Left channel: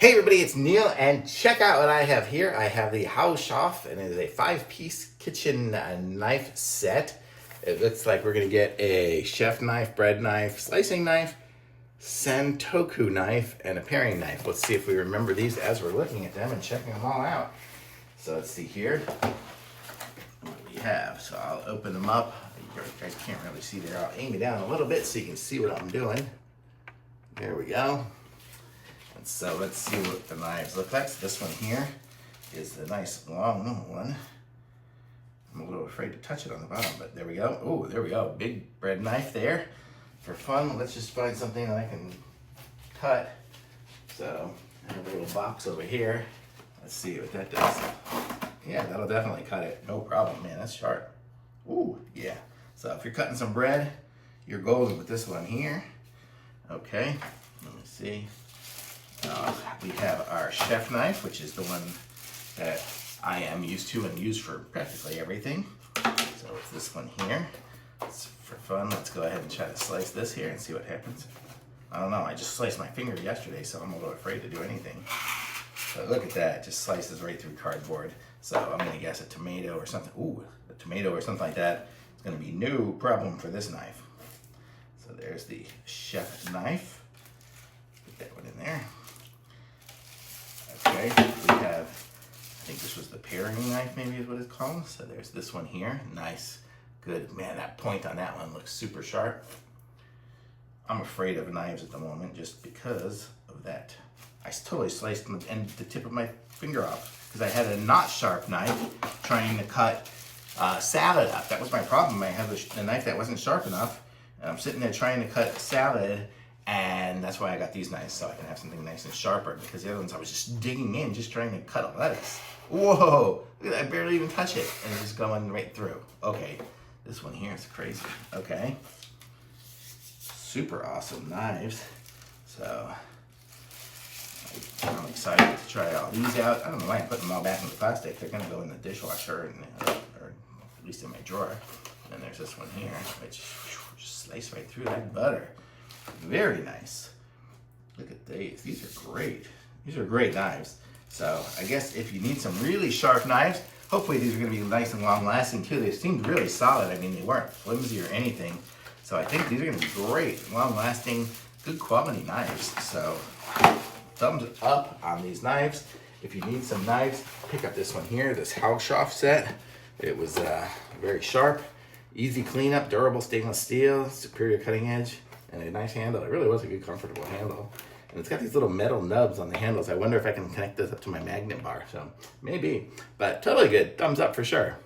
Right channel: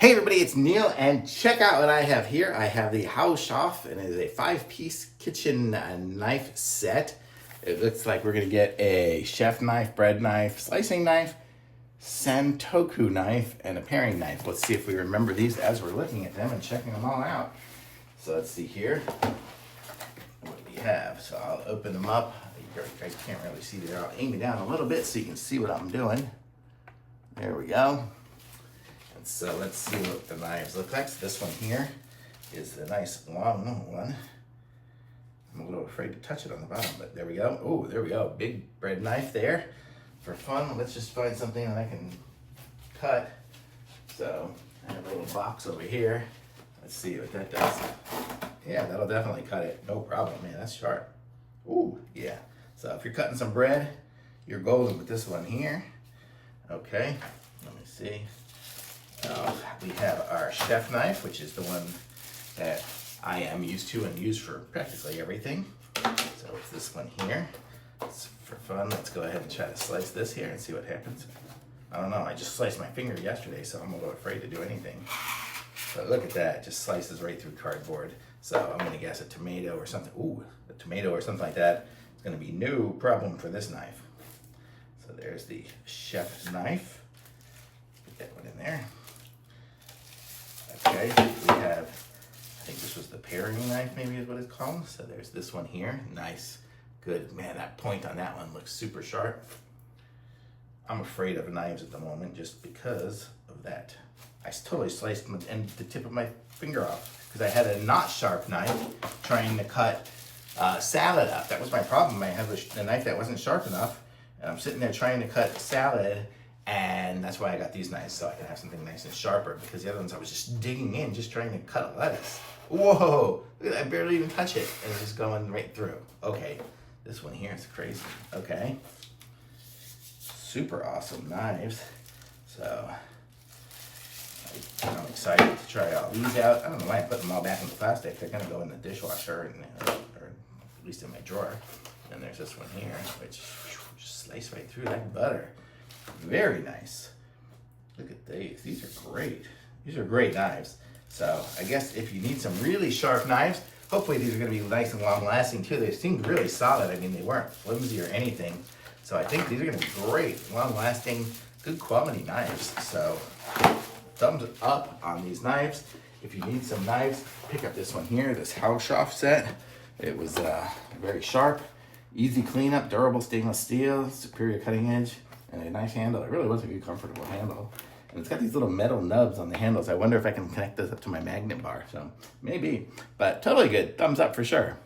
Hey everybody, it's Neil, and check out what I have here. I have the HAUSHOF, and it is a 5-piece kitchen knife set. It looks like we're gonna get a chef knife, bread knife, slicing knife, santoku knife, and a paring knife. Let's see if we remember these as we're looking at them and checking them all out. So let's see here what we have. So I'll open them up. You guys can't really see there. I'll aim it down a little bit so you can see what I'm doing. There we go. And so let's see what the knives look like. So this one here is the nice long one. I'm a little afraid to touch it on the bottom, but there we go. Oh, there we go. Big bread knife there. For fun, let's just find something that I can cut. So I have a little box over here. Let's see what that does. Yeah, that'll definitely cut it. No problem, man. That's sharp. Ooh, yeah. So if you're cutting some bread, you're golden with this one here. Okay, let me see. We have our chef knife, which is the one that I am used to and use for practically everything. So it's this one here. It's for fun. Let's go ahead and try to slice this here and see what happens. I don't know, I just sliced my finger yesterday, so I'm a little afraid to do anything. But look at that, it just slices right through cardboard. So I'm gonna guess a tomato or something. Ooh, a tomato or something like that. It's gonna be no problem for this knife. So there's the chef knife. Put that one in there. Okay, we have, I think this was the paring knife, maybe is what it's called. So there's this one here. Nice, good. Man, that point on that one looks super sharp. I'm afraid of knives at the moment just because of that. I totally sliced the tip of my finger off because I had a not sharp knife trying to cut salad up. That was my problem. I had a knife that wasn't sharp enough, and I'm sitting there trying to cut salad. And that's why I got these knives, so I can have something nice and sharper, because the other ones I was just digging in, just trying to cut a lettuce. Whoa, look at that, I barely even touch it, and it's just going right through. Okay, this one here is crazy. Okay, super awesome knives. So I'm excited to try all these out. I don't know why I put them all back in the plastic. They're gonna go in the dishwasher, or at least in my drawer. And there's this one here, which just slice right through like butter. Very nice. Look at these. These are great. These are great knives. So I guess if you need some really sharp knives, hopefully these are going to be nice and long lasting too. They seemed really solid. I mean, they weren't flimsy or anything. So I think these are going to be great, long lasting, good quality knives. So thumbs up on these knives. If you need some knives, pick up this one here, this HAUSHOF set. It was very sharp, easy cleanup, durable stainless steel, superior cutting edge, and a nice handle. It really was a good, comfortable handle. And it's got these little metal nubs on the handles. I wonder if I can connect this up to my magnet bar. So maybe, but totally good. Thumbs up for sure.